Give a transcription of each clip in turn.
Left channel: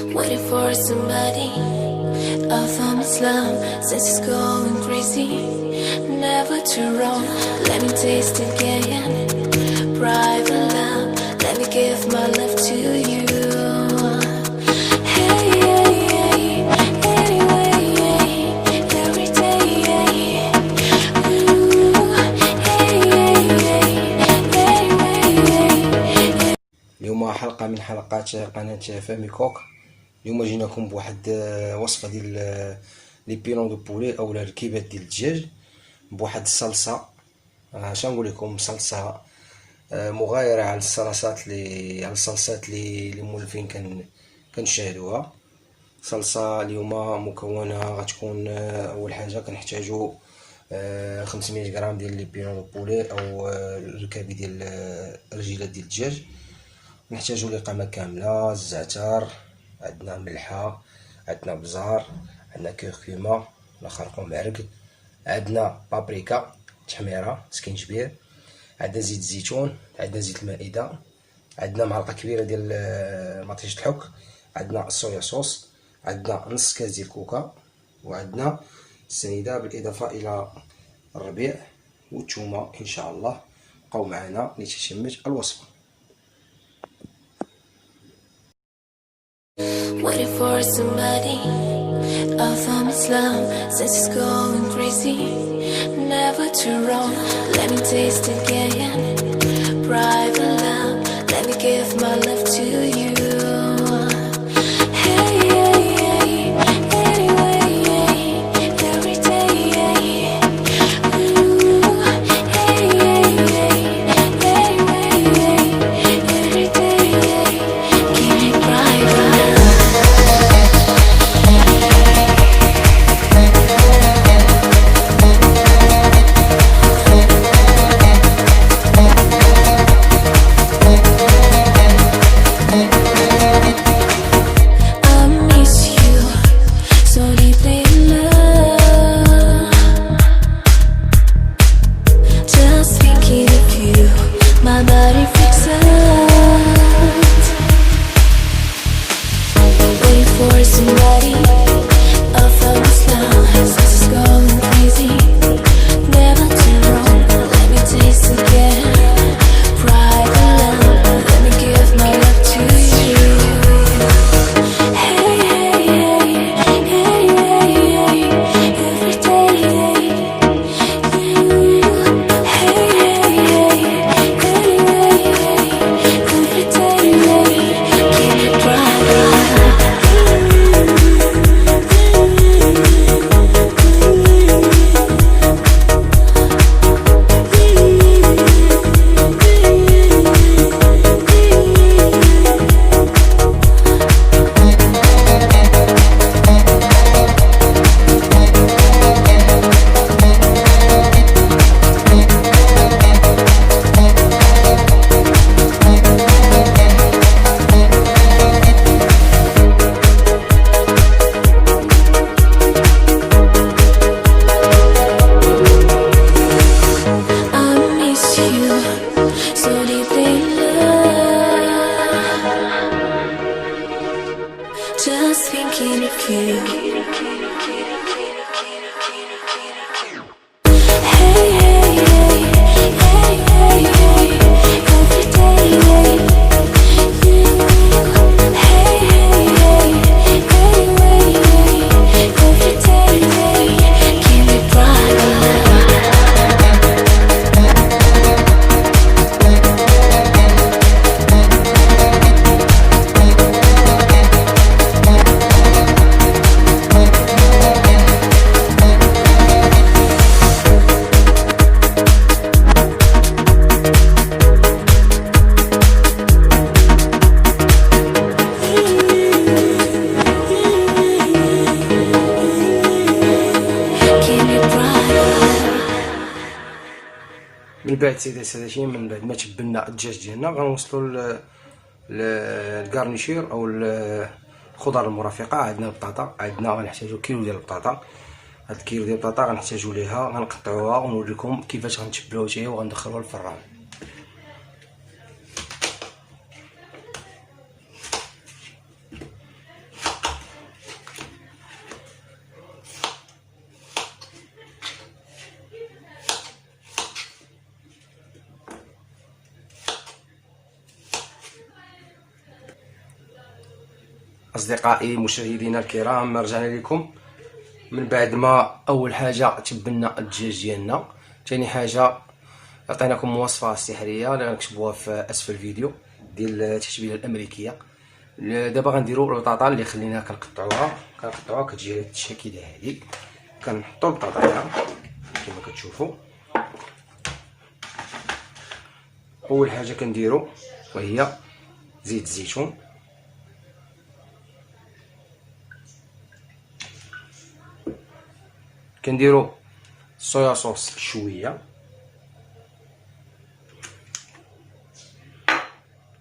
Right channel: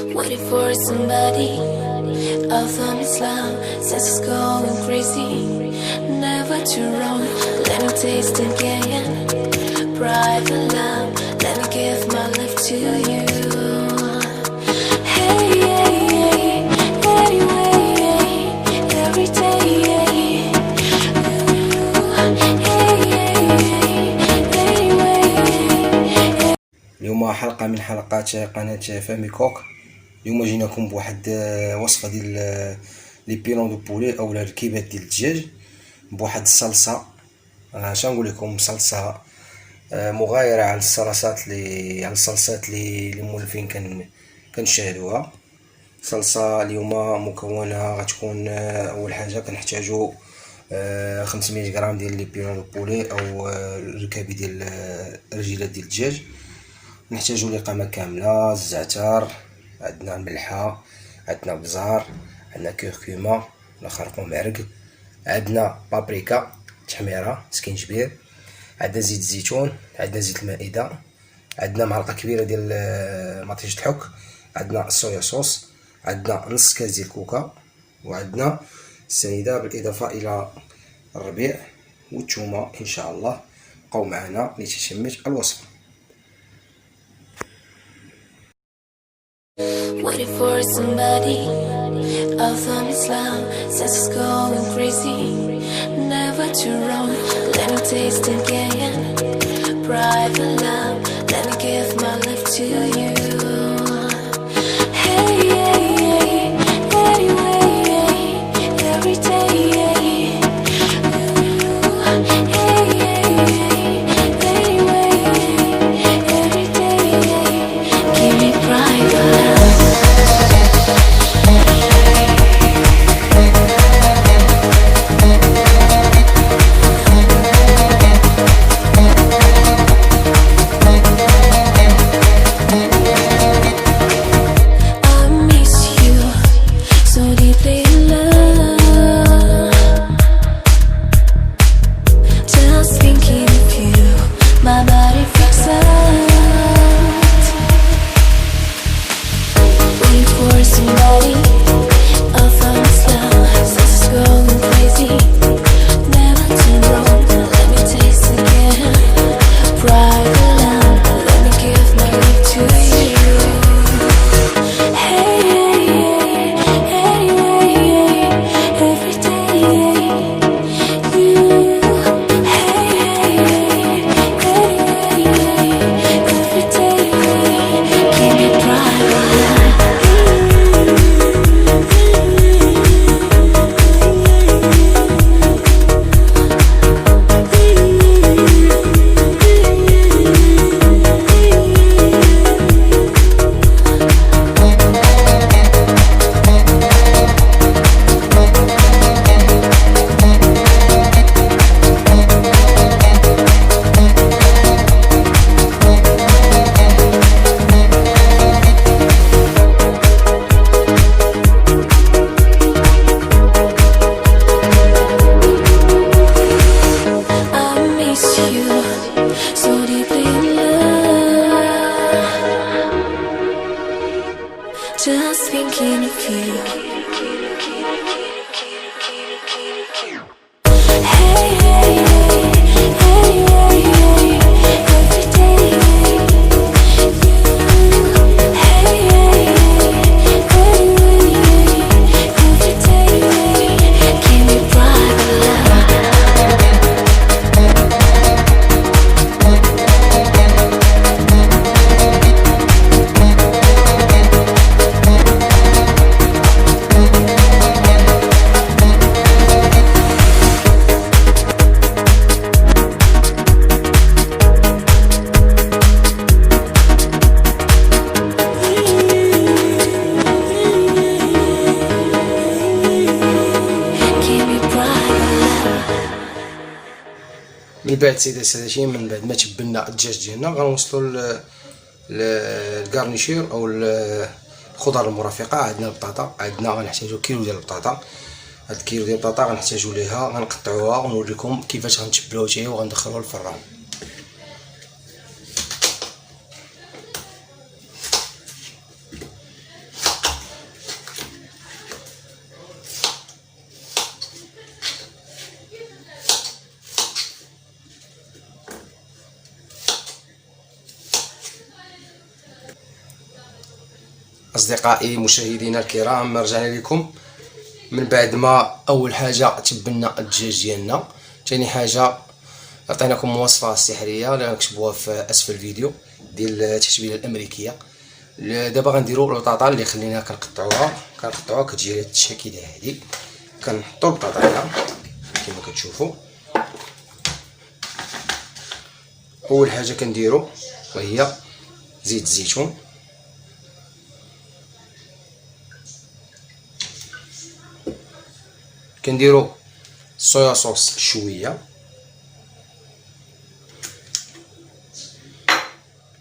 Waiting for somebody from Islam, says it's going crazy. Never too wrong, let me taste again. Private love, let me give my love to you. Hey, hey, hey, anyway, every day. Ooh, hey, hey, hey, anyway. اليوم حلقة من حلقات قناة فامي كوك. اليوم جيناكم بواحد وصفة ديال لي بيرون دو بولي او الكبات ديال الدجاج بواحد الصلصة. اش نقول لكم، صلصة مغايرة على الصلصات اللي مولفين كنشاهدوها. صلصة اليوم مكونها غتكون اول حاجة كنحتاجو 500 غرام ديال لي بيرون دو بولي او الركابي ديال الرجيلات ديال الدجاج. نحتاجو لقامة كاملة، الزعتر، عندنا الملحة، عندنا بزار، عندنا كركمة ولا خرقوم معرق، عندنا بابريكا تحميرة، سكينجبير، عندنا زيت الزيتون، عندنا زيت المائدة، عندنا معلقة كبيرة ديال مطيش الحك، عندنا الصويا صوص، عندنا نص كاس ديال الكوكا، وعندنا السنيدة بالإضافة إلى الربيع والثومة. إن شاء الله بقاو معنا لتتمة الوصفة. Waiting for somebody from Islam, says it's going crazy. Never too wrong, let me taste again. Private love, let me give my love to you. Hey, hey, hey, anyway, every day. Ooh, hey, hey, hey, anyway, every day. Give me private love. Somebody from Islam, says it's going crazy. Never too wrong, let me taste again. Private love, let me give my love to you. Hey, hey, hey, anyway, every day. You, hey, hey, hey, anyway, every day. Give me private love. So deeply in love, just thinking of you. Hey, hey, hey, anyway, every day. You, hey, hey, hey, anyway, every day. Give me private love. من بعد سيدي السادتين، من بعد ما تبلنا الدجاج ديالنا غنوصلوا للكارنيشير او الخضر المرافقه. عندنا البطاطا، عندنا غنحتاجو كيلو ديال البطاطا. هاد الكيلو ديال البطاطا غنحتاجو ليها، غنقطعوها ونوريكم كيفاش غنتبلوها حتى هي وغندخلوها للفران. أصدقائي مشاهدينا الكرام، رجعنا لكم من بعد ما أول حاجة تبلنا الدجاج ديالنا. ثاني حاجة عطيناكم وصفة سحرية اللي غنكتبوها في أسفل الفيديو ديال التتبيلة الأمريكية. دابا غنديرو البطاطا اللي خليناها كنقطعوها كتجي على هاد الشكل هادي. كنحطو البطاطا هنا كما كتشوفوا. أول حاجة كنديرو وهي زيت الزيتون، كنديرو صويا صوص شويه،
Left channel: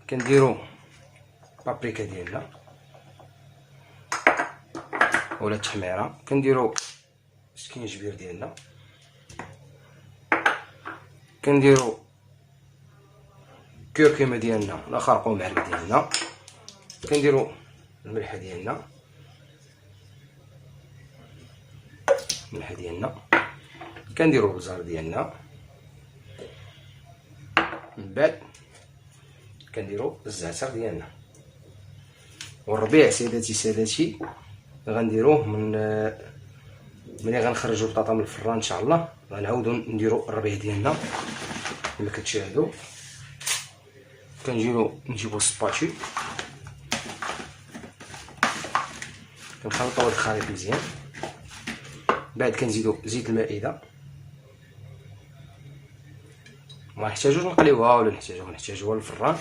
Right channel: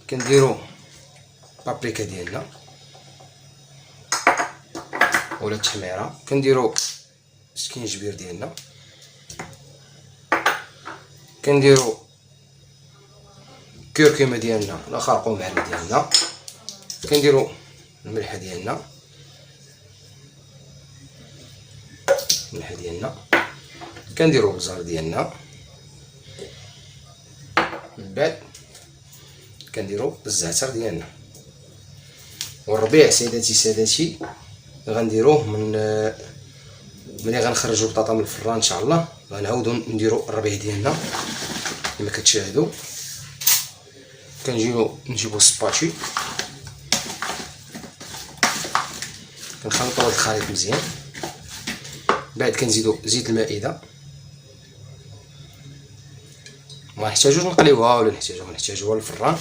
كنديرو بابريكا ديالنا ولا التحميره، كنديرو سكينجبير ديالنا، كنديرو كركمه ديالنا لا خرقوم بحال ديالنا، كنديرو الملحه ديالنا كنديرو البزار ديالنا، من بعد كنديرو الزعتر ديالنا. والربيع سادتي غنديروه ملي غنخرجوا البطاطا من الفران ان شاء الله، غنعاودو نديرو الربيع ديالنا كما كتشاهدوا. نجيبو السباشي، كنخلطوا هاد الخليط مزيان. بعد كنزيدو زيت المائده، ما نحتاجوش نقليوها ولا نحتاجوها للفران.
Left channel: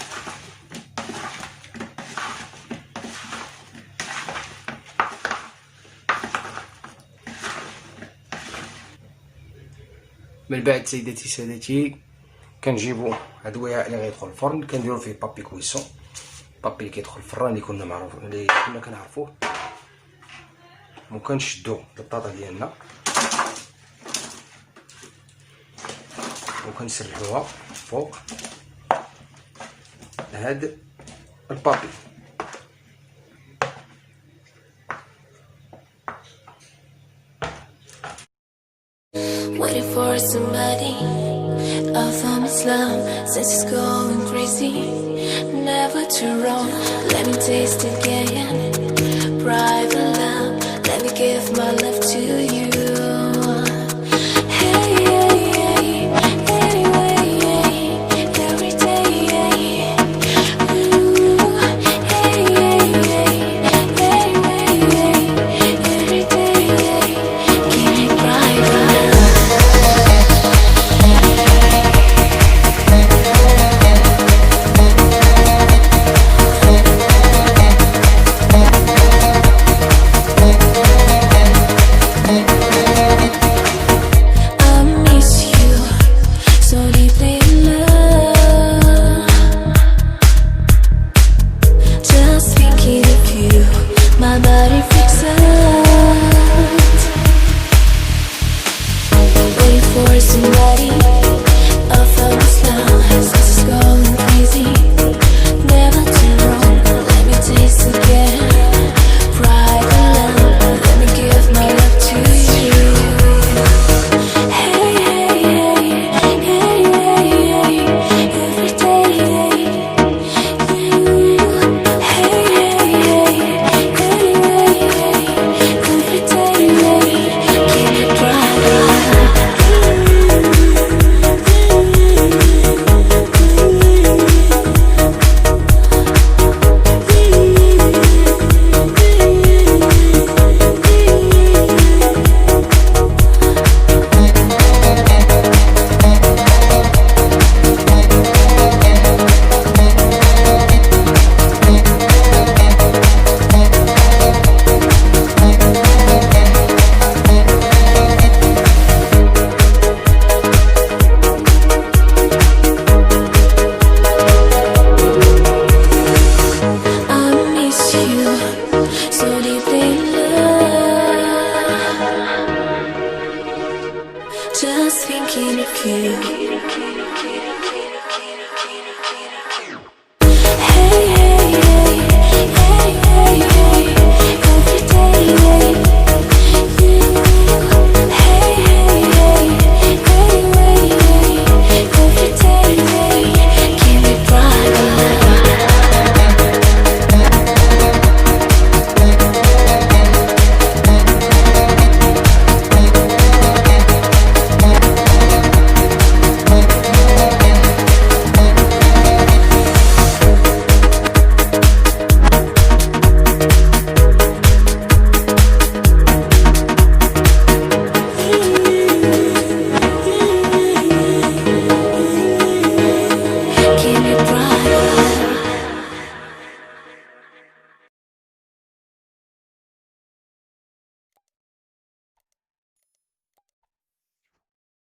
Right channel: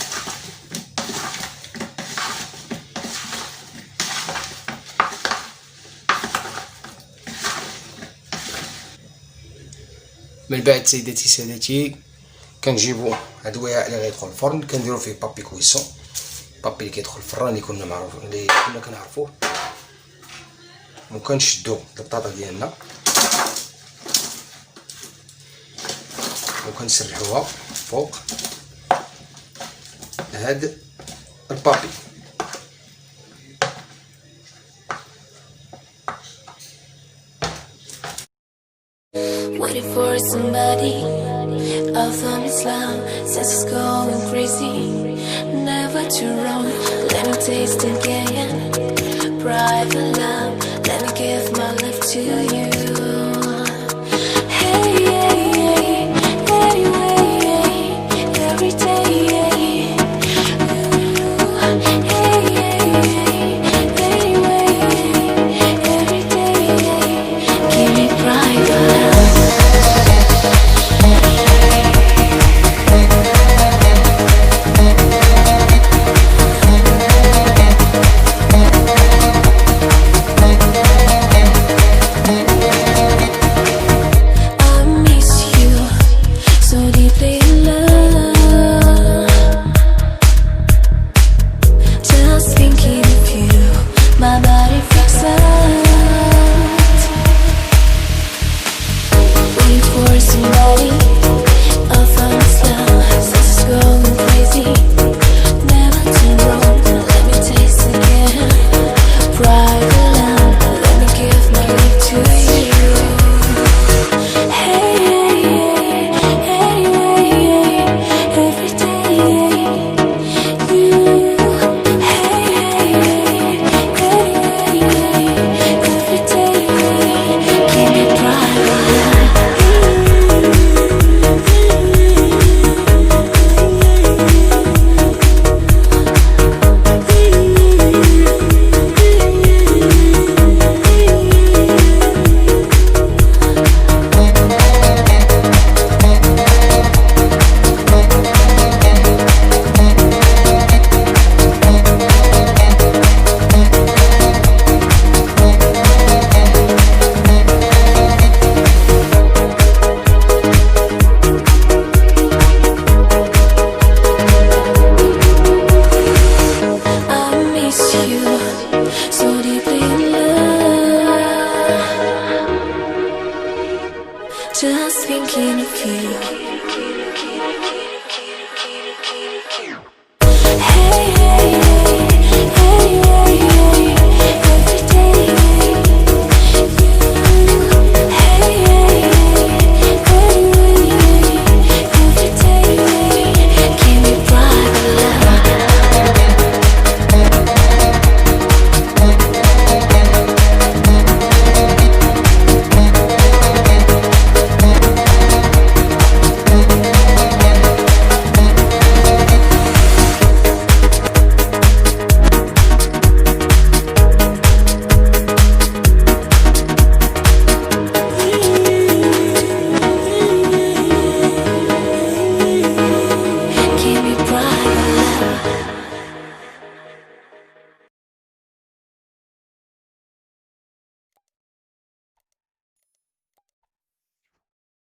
من بعد سادتي كنجيبو هاد الوعاء اللي غيدخل الفرن، كنديرو فيه بابي كويسون، بابي اللي كيدخل الفران اللي كنا معروف اللي كنا كنعرفوه، وكنشدو البطاطا ديالنا وكنسرحوها فوق هاد البابي. Waiting for somebody out from Islam, says it's going crazy, never too wrong. Let me taste again, private love. Let me give my love to you. Hey, hey, hey, anyway, every day. Ooh, hey, hey, anyway, every day. Give me private love. Somebody out from Islam, says it's going crazy, never too wrong. Let me taste again, private love. Let me give my love to you. Hey, hey, hey, anyway, every day. You, hey, hey, anyway, every day. Give me private love. So deeply in love, just thinking of you.